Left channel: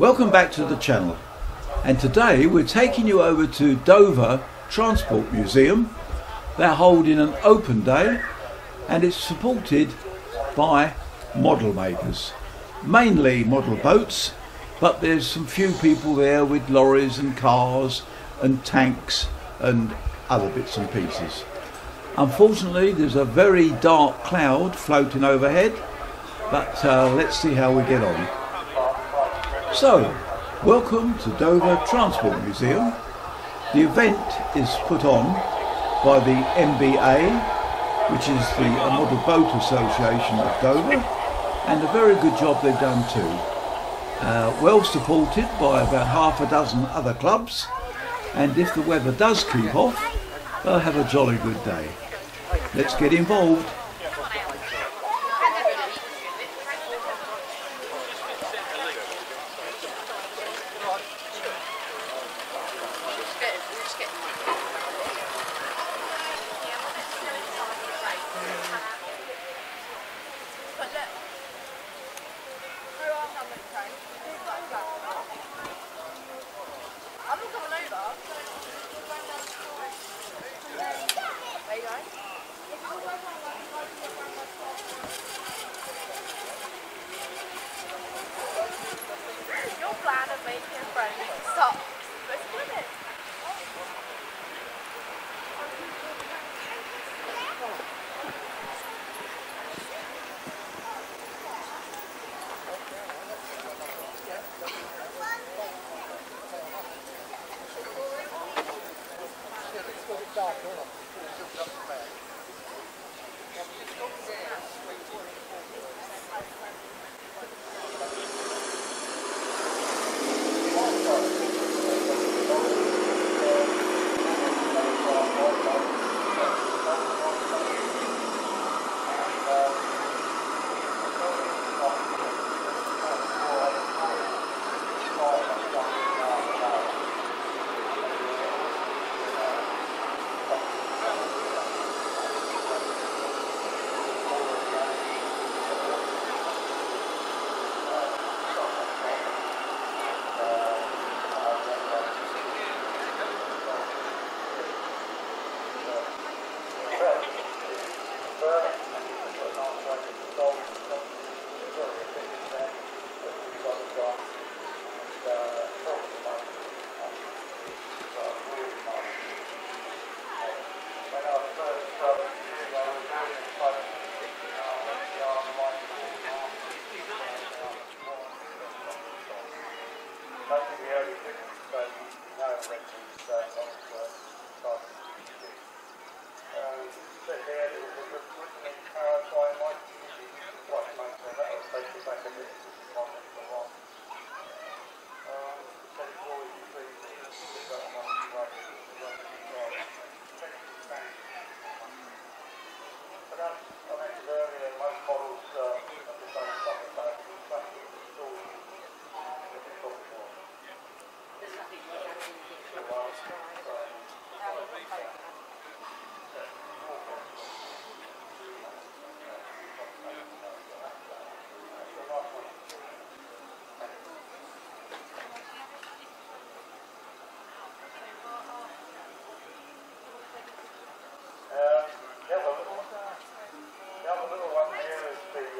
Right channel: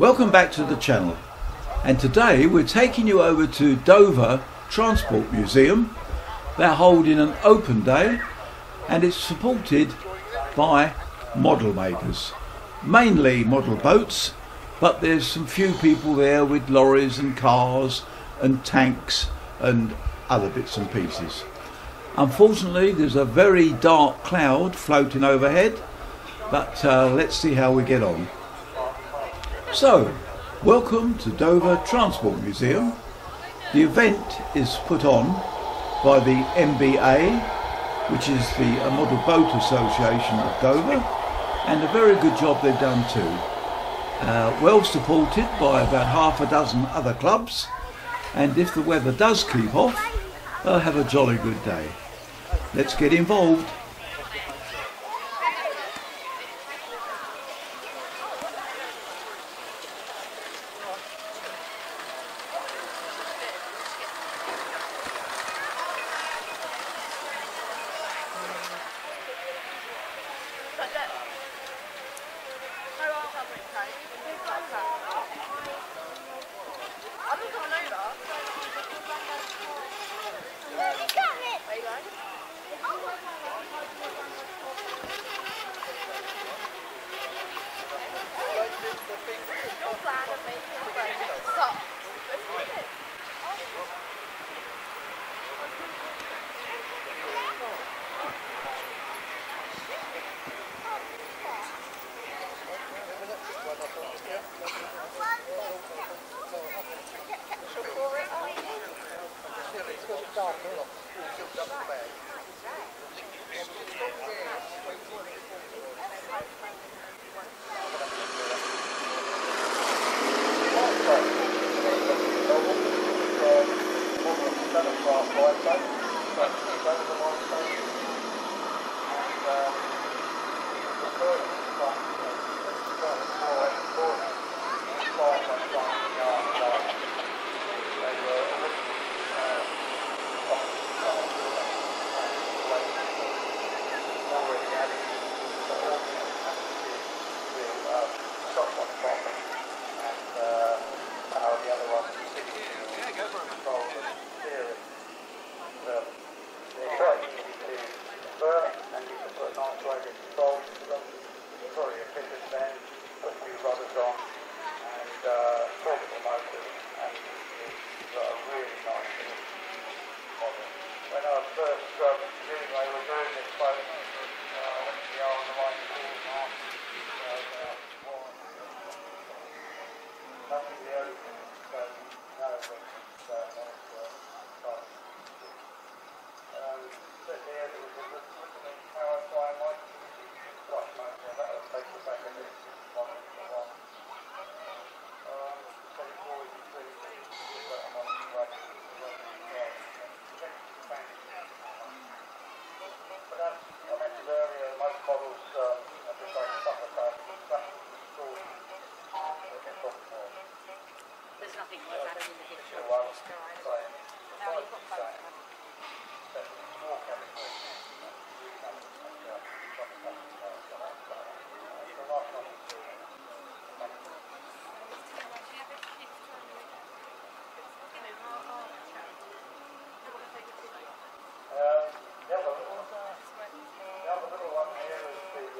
Welcome back to the channel, and today we're taking you over to Dover Transport Museum. They're holding an open day and it's supported by model makers, mainly model boats, but there's some few people there with lorries and cars and tanks and other bits and pieces. Unfortunately there's a very dark cloud floating overhead, but let's see how we get on. So, welcome to Dover Transport Museum. The event is put on by the MBA, which is the Model Boat Association of Dover, and a very good job they've done too. Well supported by about half a dozen other clubs, and if the weather does keep off, they'll have a jolly good day. Let's get involved. I'm not coming over. Where are you going? Your plan of making a friend sucks. Let's do it.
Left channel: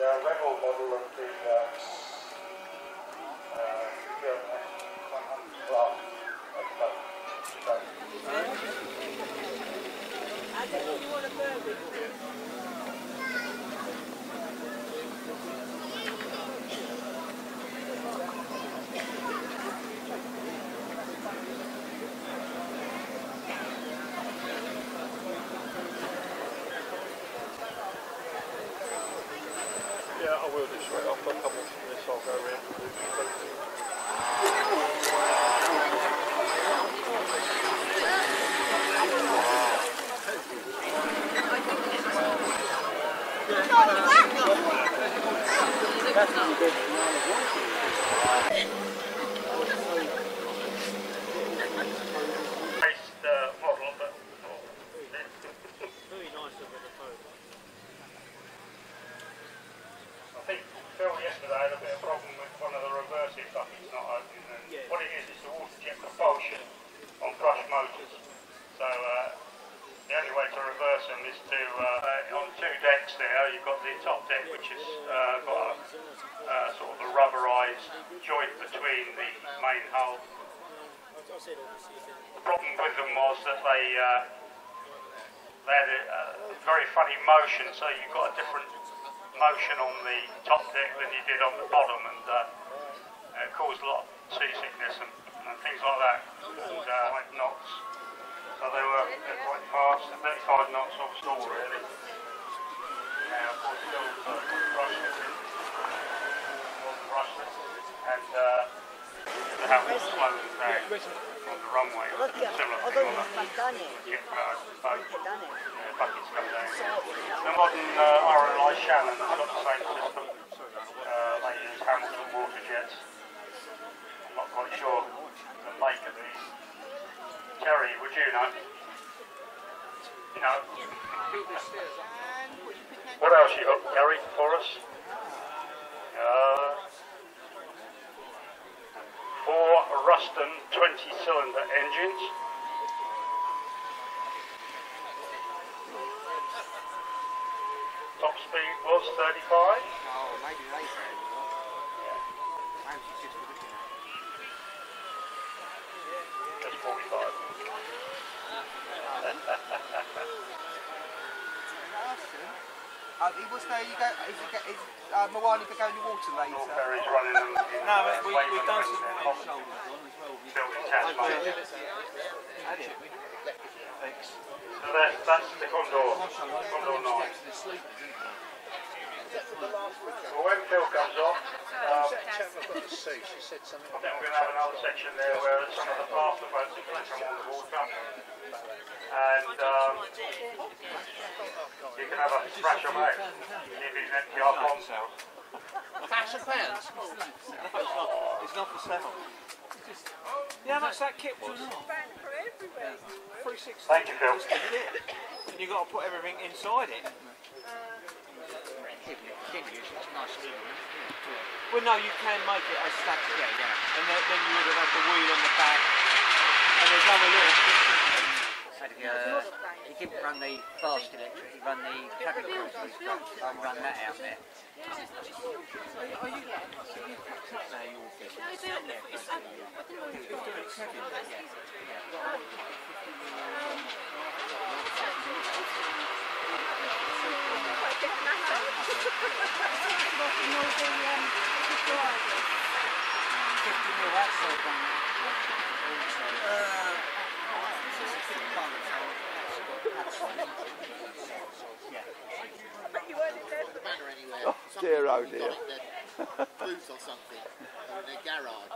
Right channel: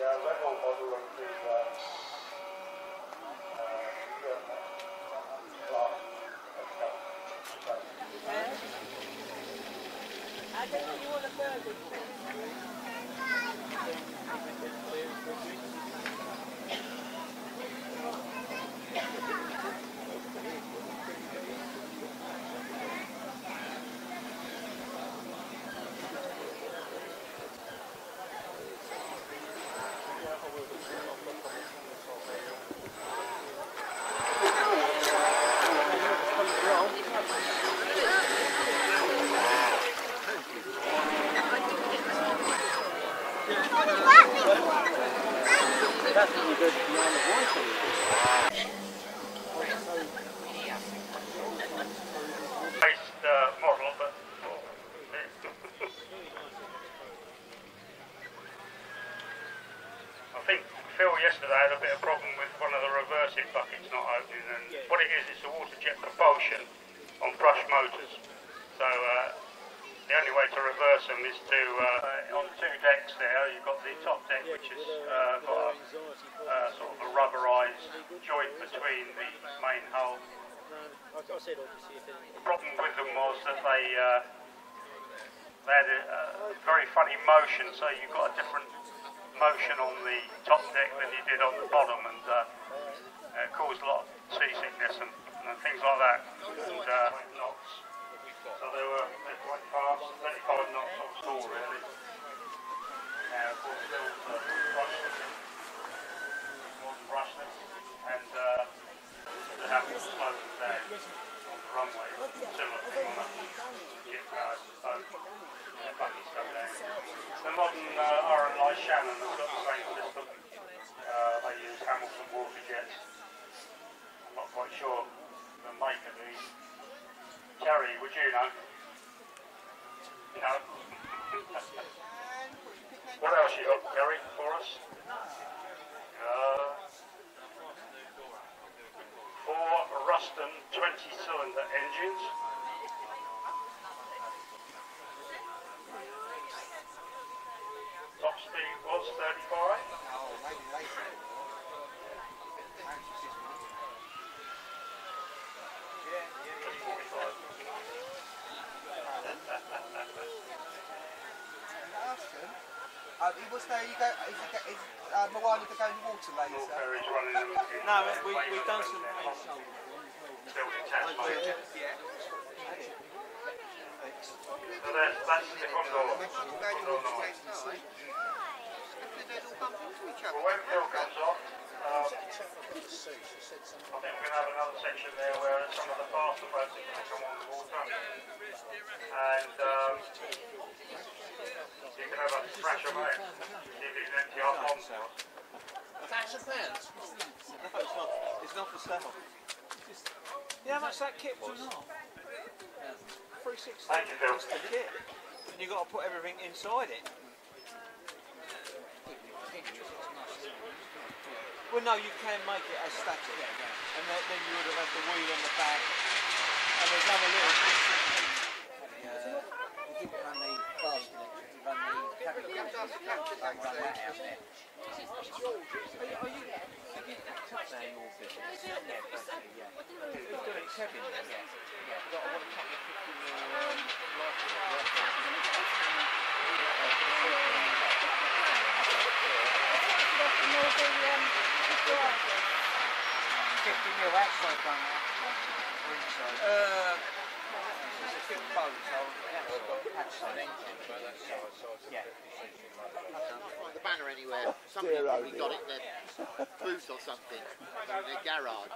Rebel model of the class. I don't know, you want a burger? Yeah, I will do straight off. I'll come off from this, I'll go in. That's when you go to the voice. Model, but Very nice of the phone. I think Phil yesterday had a bit of problem with one of the reversing buckets not opening. said, obviously, if anything. The problem with them was that they had a very funny motion, so you've got a different motion on the top deck than you did on the bottom, and it caused a lot of seasickness and things like that, and like knots. So they're quite fast, 35 knots offshore really. Of course, still brushless in, wasn't brushless, and the house was slowing down on the runway. Similar thing on the ship boat, buckets come down. The modern RLI Shannon has got the same system. They use Hamilton water jets. I'm not quite sure the make of these. Jerry, would you know? No. What else you got, Gary, for us? 4 Ruston 20-cylinder engines. Top speed was 35. Oh, maybe later. Maybe she's just looking at it. That's 45. He was there, you go, is Moana go in the water later? Ferry's running in No, we've done some built attachment. So that's the Condor. Condor 9. Well, when Phil comes off, I think we're going to have another section there where some of the faster boats are going to come on the board, can't we? And you can have a splash of out. If it's empty up on sale. £1,000? No, it's not for sale. Yeah, how much that kit was? 360. Thank you, Phil. Just the kit. And you've got to put everything inside it. Well, no, you can make it as static. Yeah. And then you would have had the wheel on the back. And there's other little bits and pieces. He didn't run the fast electric, he ran the traffic control. I'll run that out there. Are you packed up now, your business? No, Yeah, basically, yeah. Who's doing it? Kevin? Yeah. Got a couple of 50 mil outside one now. The banner anywhere. Oh, Something dear, oh we dear. got it in their booth or something, or in their garage.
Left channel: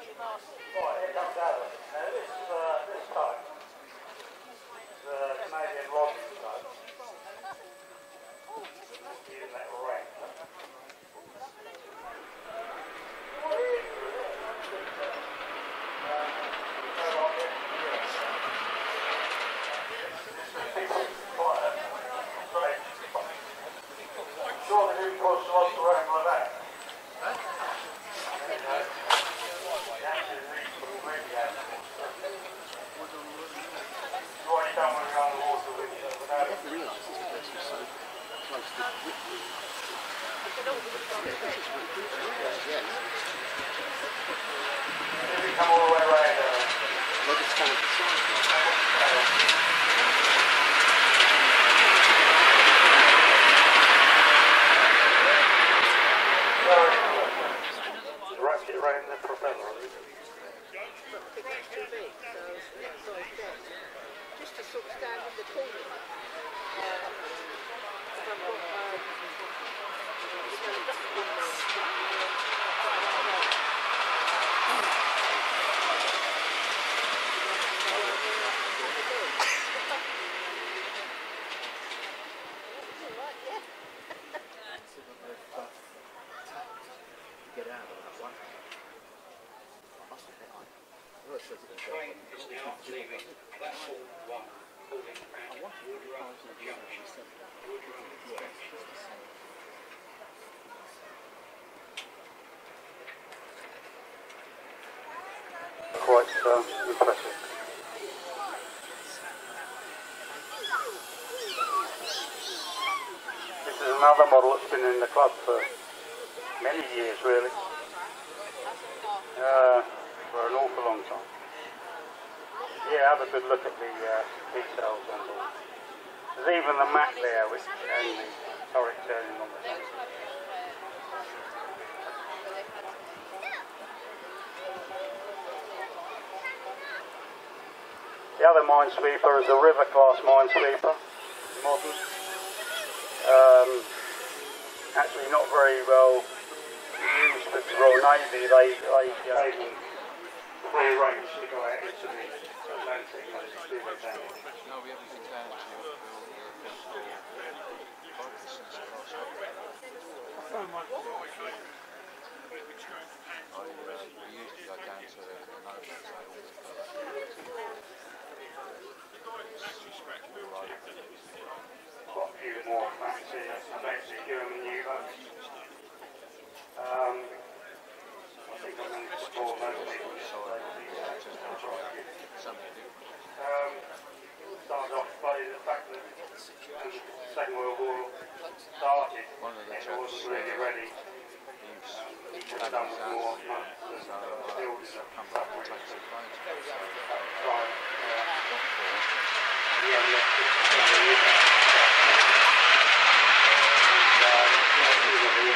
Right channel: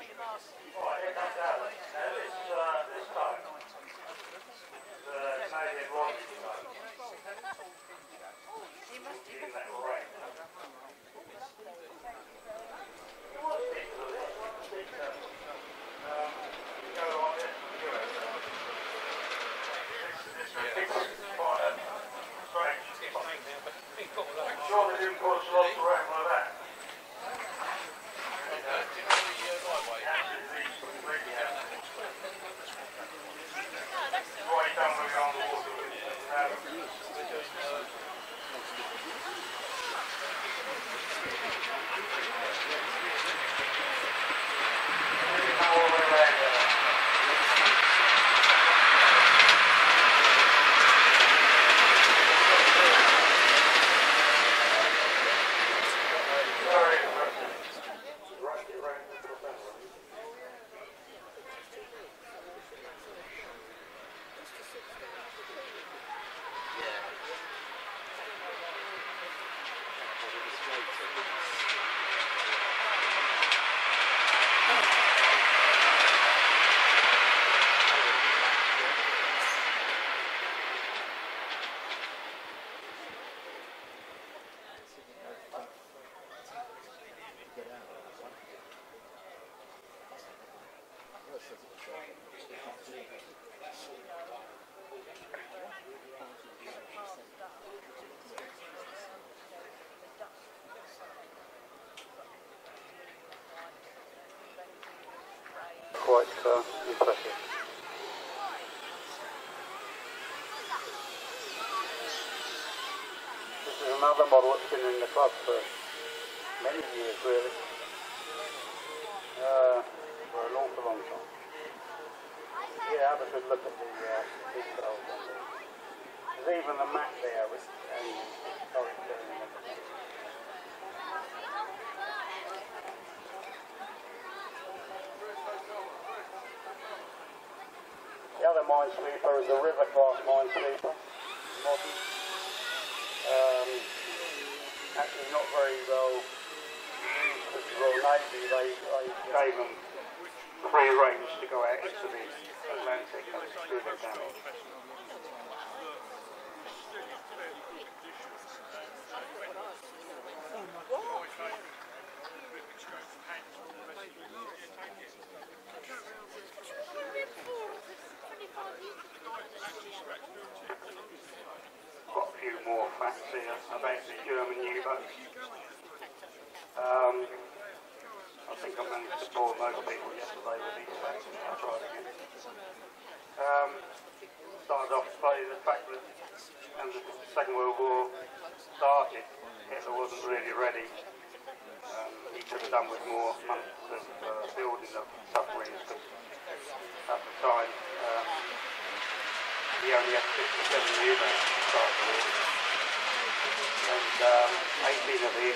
Quite impressive. This is another model that's been in the club for many years, really. For an awful long time. Yeah, have a good look at the details on the. There's even the map there, which and the turret turning on the thing. The other minesweeper is a river class minesweeper, modern. Actually not very well used with the Royal Navy. They gave them free range to go out into the Atlantic and do their damage. Got a few more facts here about the German U-boats. I think I managed to bore most people yesterday with these facts. Started off by the fact that when the Second World War started, it wasn't really ready. He could have done with more months of building of submarines because at the time he only had 6% of the unit and he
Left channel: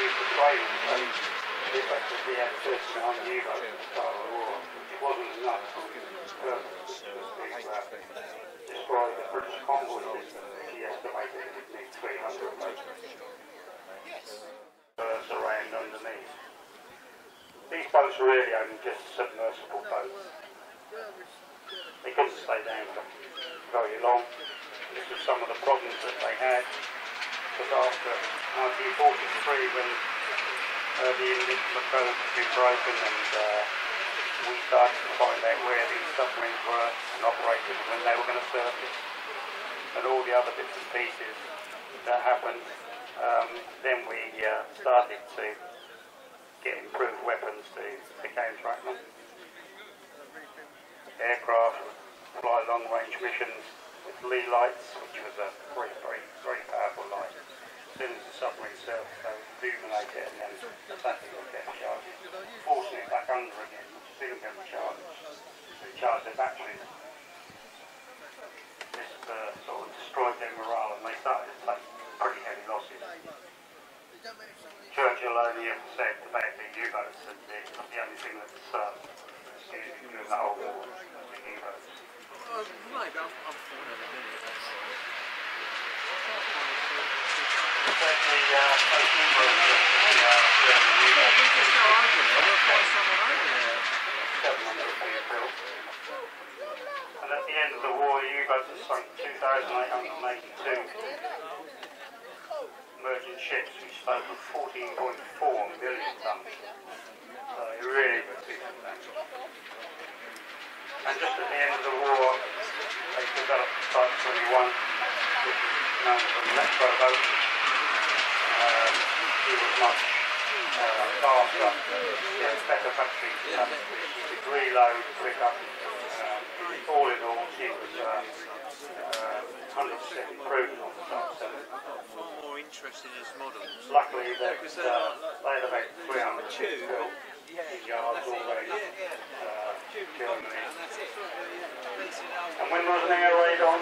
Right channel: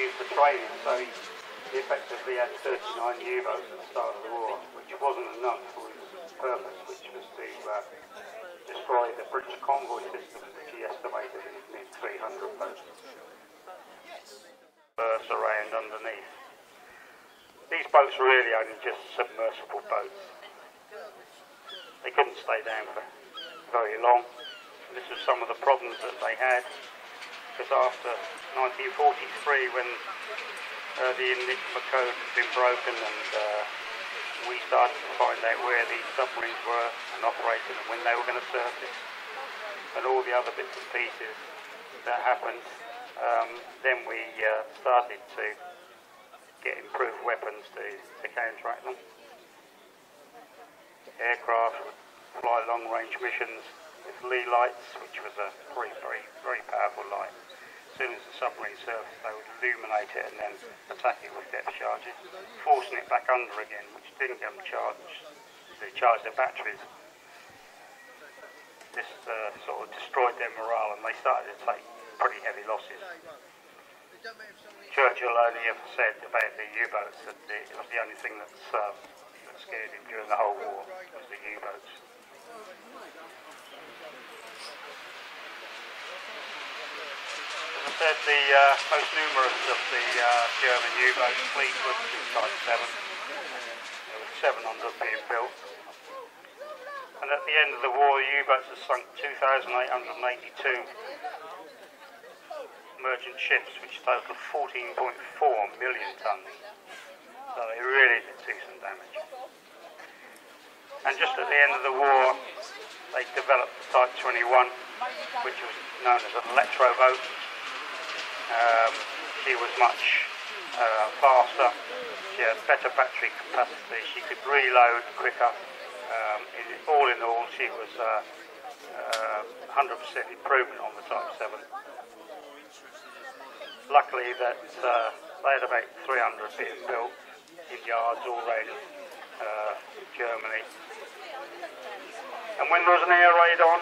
used the training, so he effectively had 39 U-boats at the start of the war, which wasn't enough for his purpose, which was to destroy the British convoy system, which he estimated it would need 300 boats. Around underneath. These boats were really only just submersible boats. They couldn't stay down for very long. This was some of the problems that they had, because after 1943, when the Enigma code had been broken and we started to find out where these submarines were and operated and when they were going to surface and all the other bits and pieces that happened, then we started to get improved weapons to counteract them. Aircraft would fly long-range missions with Lee lights, which was a very powerful light. As soon as the submarine surfaced, they would illuminate it and then attack it with depth charges, forcing it back under again, which didn't get them charged. They charged their batteries. This sort of destroyed their morale, and they started to take pretty heavy losses. Churchill only ever said about the U-boats that it was the only thing that's excusing during the whole war, the U-boats. Said the most numerous of the German U-boats, 700 being built. And at the end of the war, the U-boats had sunk 2,882 merchant ships, which totaled 14.4 million tons. So they really did decent damage. And just at the end of the war, they developed the Type 21, which was known as an electro boat. He was much faster, better battery capacity. She could reload quicker. All in all, she was 100% improvement on the Type 7. Luckily, that they had about 300 ships built in yards all around Germany. And when there was an air raid on,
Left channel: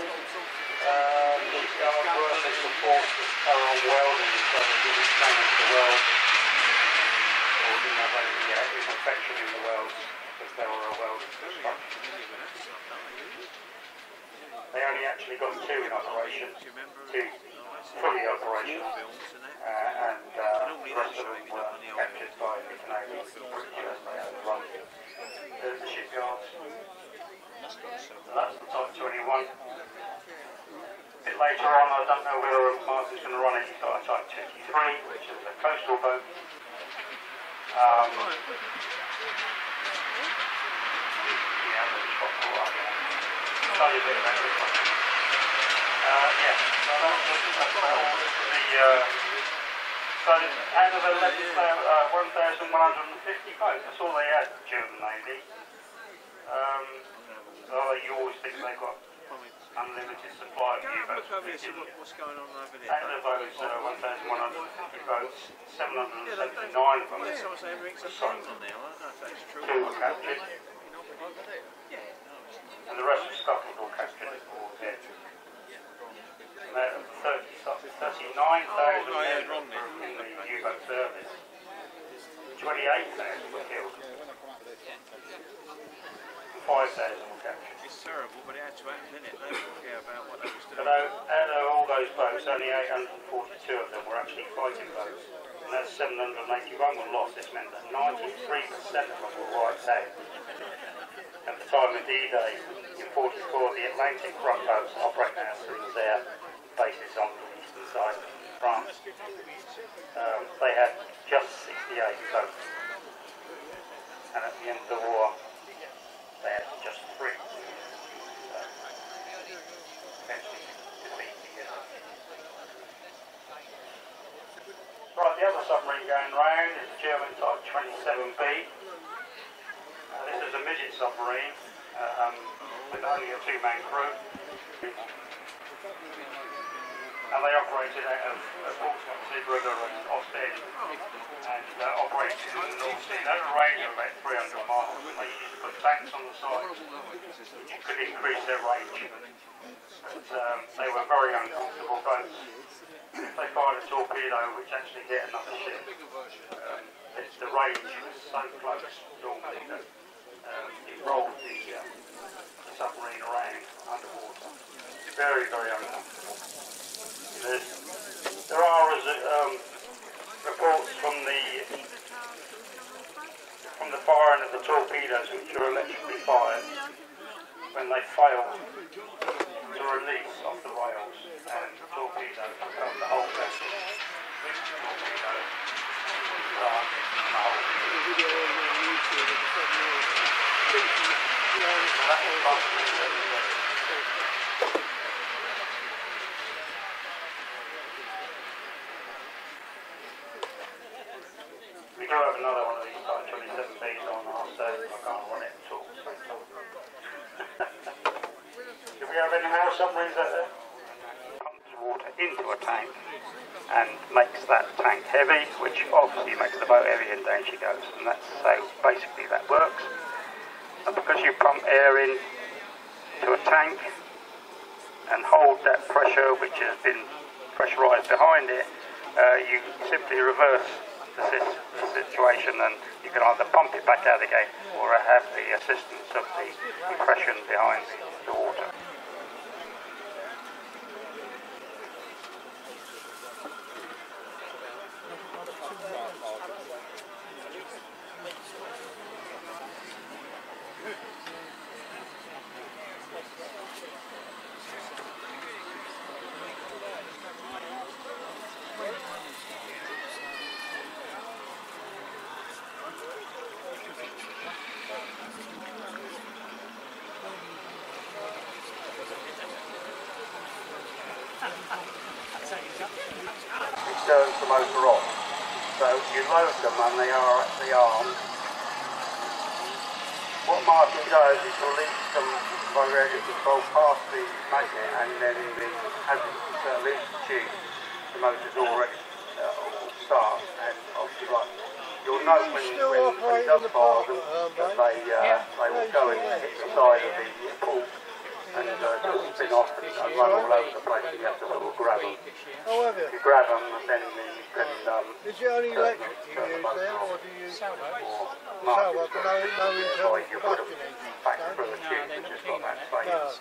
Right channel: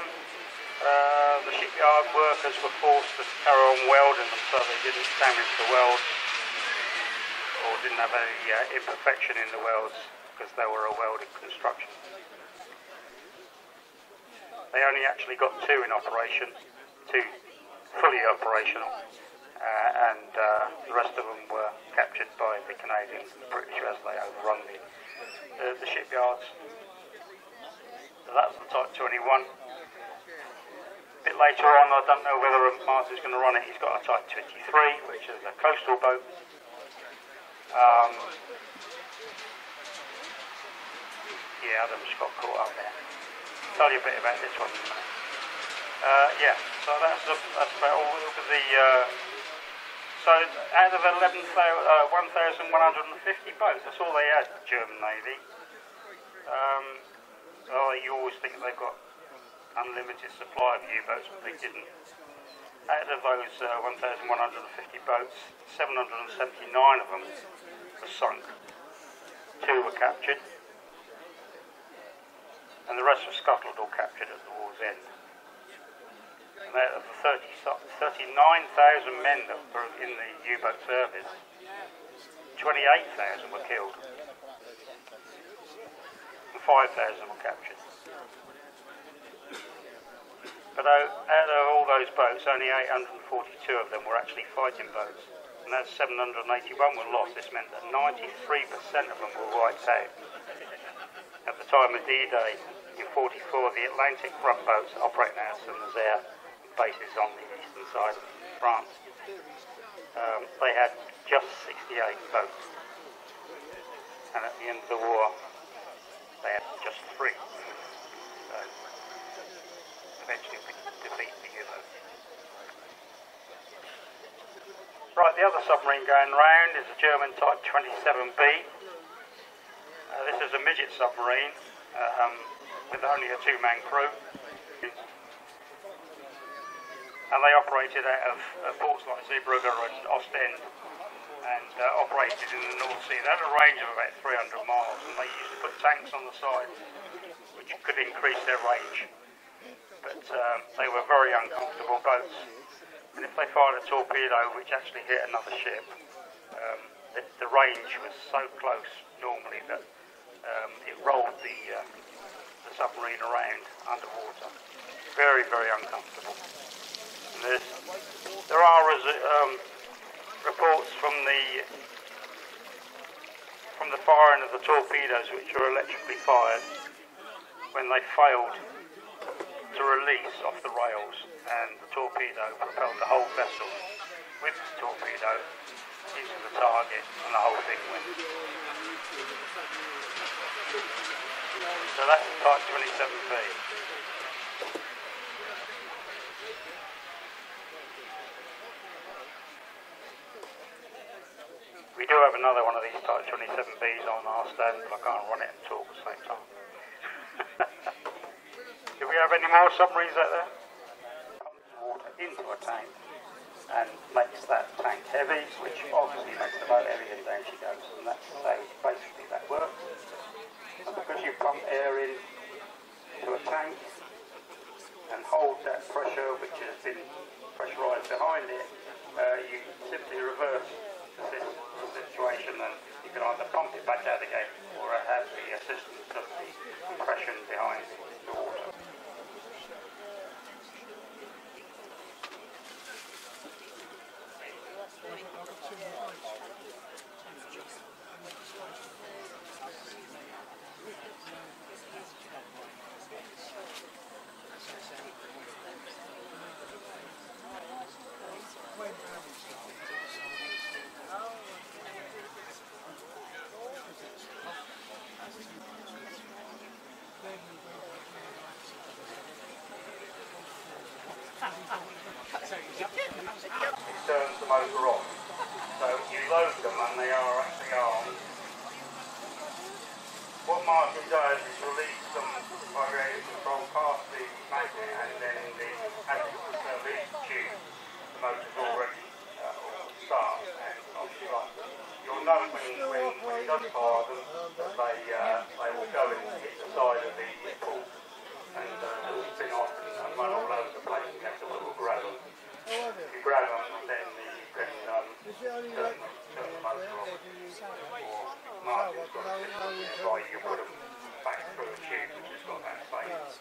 the shipyard workers were forced to carry on welding, and so they didn't damage the welds or didn't have any imperfection in the welds because they were a welded construction. They only actually got 2 in operation, 2 fully operational, and the rest of them were captured by the Canadians and the British as they overrun the shipyards. So that's the Type 21. A bit later on, I don't know whether Martin's going to run it, he's got a Type 23, which is a coastal boat. Yeah, that's got all right. Tell you a bit about this one. Yeah, so that's all the so out of 1,950 boats, that's all they had, the German Navy. Well, you always think they've got unlimited supply of U-boats. Out of those 1,150 boats, 779 of them were sunk. 2 were captured. and the rest were scuttled or captured at the war's end. And there were 39,000 men in the U-boat service. 28,000 were killed, and 5,000 were captured. But out of all those boats, only 842 of them were actually fighting boats, and that's 781 were lost. This meant that 93% of them were wiped out. At the time of D-Day in 44, the Atlantic front boats operating out of Saint-Nazaire bases on the eastern side of France, they had just 68 boats, and at the end of the war they had just 3. So eventually defeat the U-boat. Right, the other submarine going round is a German type 27B. This is a midget submarine with only a 2-man crew, and they operated out of Portsmouth, Zeebrugge and Ostend, and operated in the North Sea. They had a range of about 300 miles, and they used to put tanks on the side which could increase their range. But they were very uncomfortable boats. If they fired a torpedo which actually hit another ship, the range was so close normally that it rolled the submarine around underwater. Very, very uncomfortable. There are reports from the firing of the torpedoes which were electrically fired when they failed to release off the rails, and the torpedo propelled the whole vessel with the torpedo target and the whole thing. So that was last 27 We do have another one of these Type 27Bs on our stage, but I can't run it and talk at the same time. Do we have any more submarines out there? Pumps water into a tank and makes that tank heavy, which obviously makes the boat heavy and down she goes, and that's how basically that works. And because you pump air in to a tank and hold that pressure which has been pressurised behind it, you simply reverse the situation, and you can either pump it back out again or have the assistance of the compression behind the water. It turns the motor off. So you load them and they are actually armed. What Martin does is release them by radio control past the magnet, and then in the release tube, the motor's already start and off. You'll know when it does fire them that they will go and hit the side of the pool and just spin off and run all over the place. You have to sort of grab them. If you grab them, then you can... Is it only electric you use there, or do you use sailboat? Sailboat, but no internal combustion engine? Back through the tube, and just got that space.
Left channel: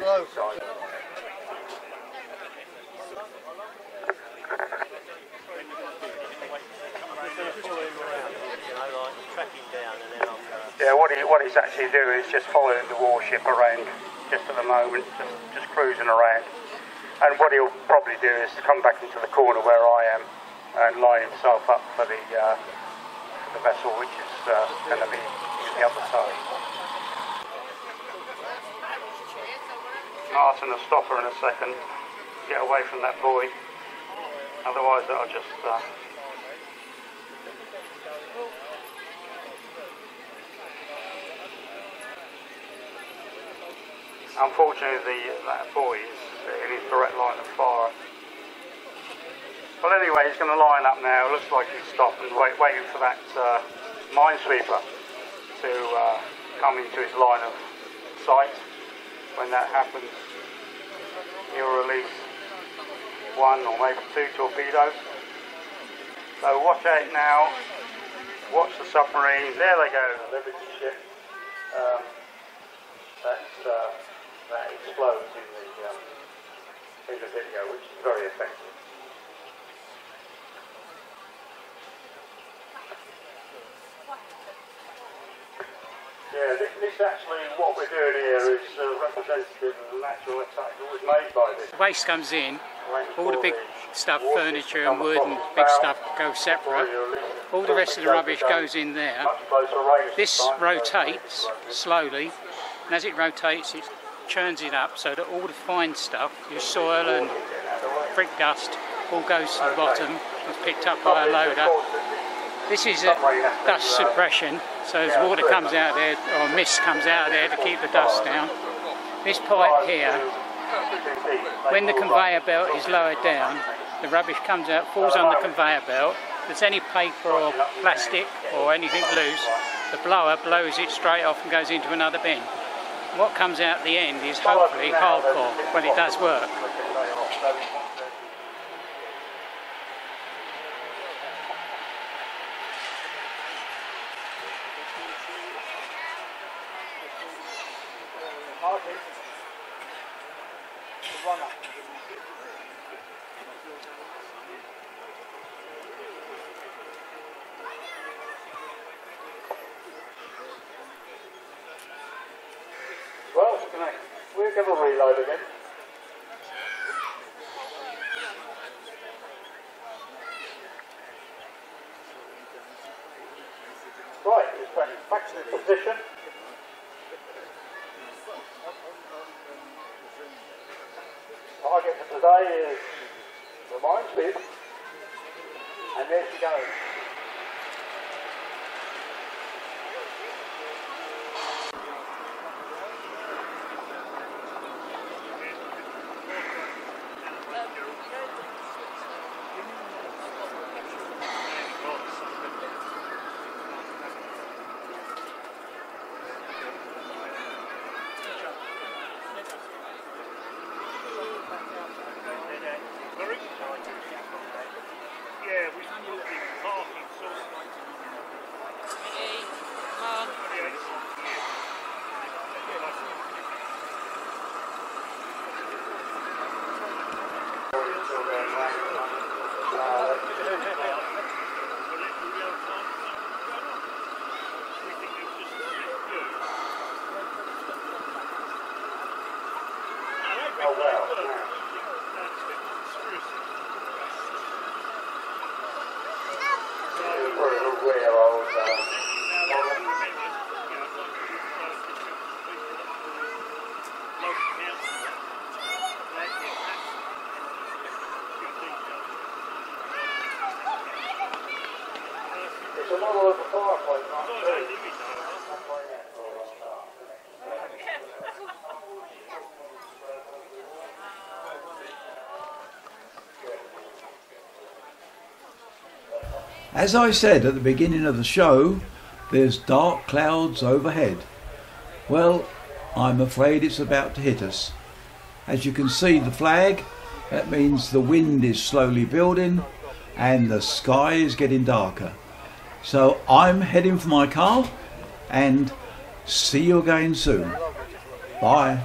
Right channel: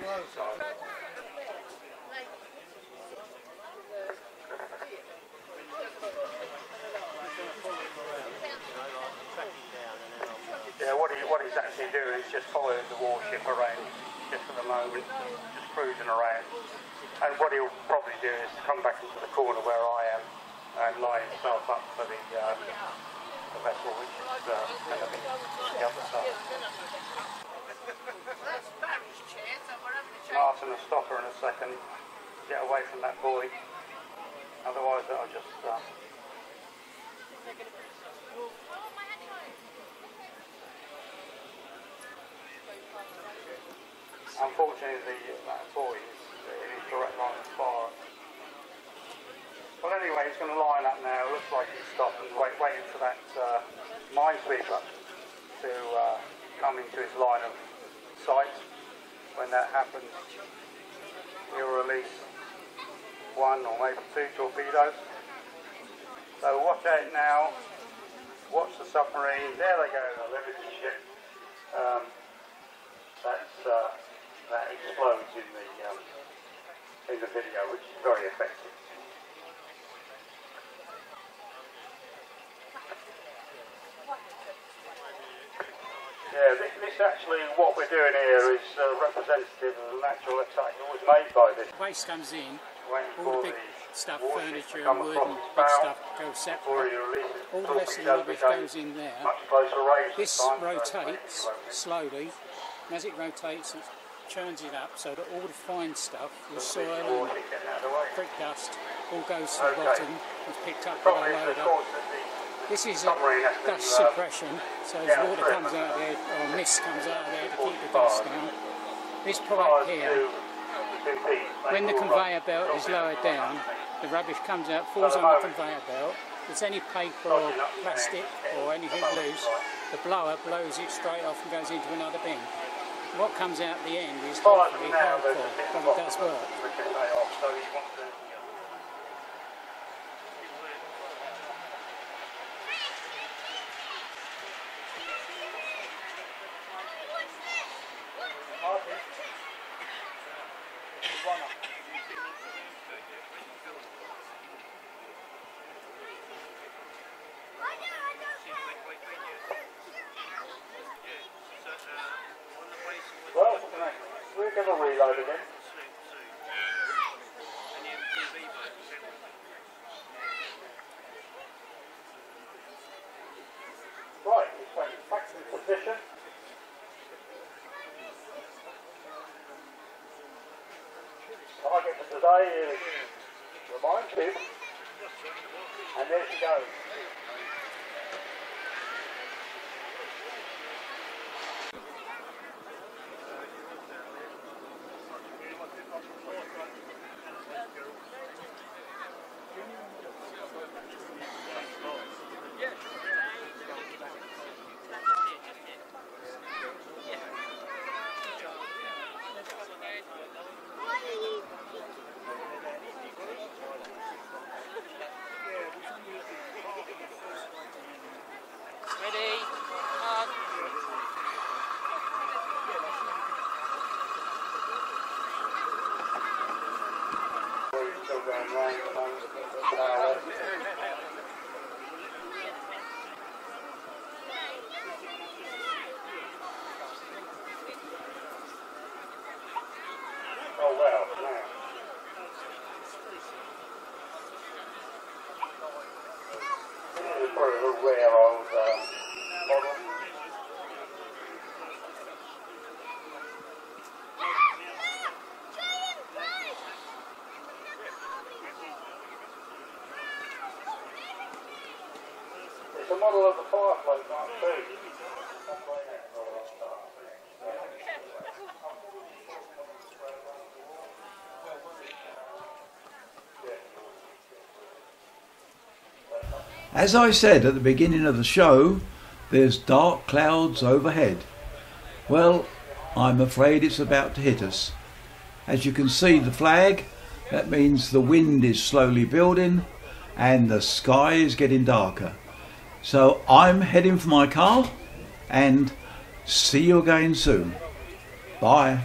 Slow. Yeah, what it's actually doing is just following the warship around just at the moment, just cruising around. And what he'll probably do is come back into the corner where I am and line himself up for the vessel, which is going to be the other side. Martin will stop her in a second, get away from that buoy, otherwise that'll just... Unfortunately, that buoy is in his direct line of fire. Well, anyway, he's going to line up now. Looks like he's stopped and waiting for that minesweeper to come into his line of sight. When that happens, he'll release 1 or maybe 2 torpedoes. So watch out now, watch the submarine, there they go, there is the ship. That explodes in the video, which is very effective. Yeah, this actually, what we're doing here is representative of the natural effect that was made by this. Waste comes in, all the big stuff, furniture and wood and big stuff go separate. All the rest of the rubbish goes in there. This rotates slowly, and as it rotates it churns it up so that all the fine stuff, your soil and brick dust, all goes to the bottom. It's picked up by a loader. This is a dust suppression, so as water comes out there, or mist comes out of there to keep the dust down. This pipe here, when the conveyor belt is lowered down, the rubbish comes out, falls on the conveyor belt. If there's any paper or plastic or anything loose, the blower blows it straight off and goes into another bin. What comes out at the end is hopefully hardcore, when it does work. Well, we're going to reload again. Right, it's back to the position. Target for today is the minefield, and there she goes. Yeah, we've done your parking source lighting on the Oh well, we're aware of it's a model of the fireplace, not too. As I said at the beginning of the show, there's dark clouds overhead. Well, I'm afraid it's about to hit us. As you can see the flag, that means the wind is slowly building and the sky is getting darker. So I'm heading for my car and see you again soon. Bye.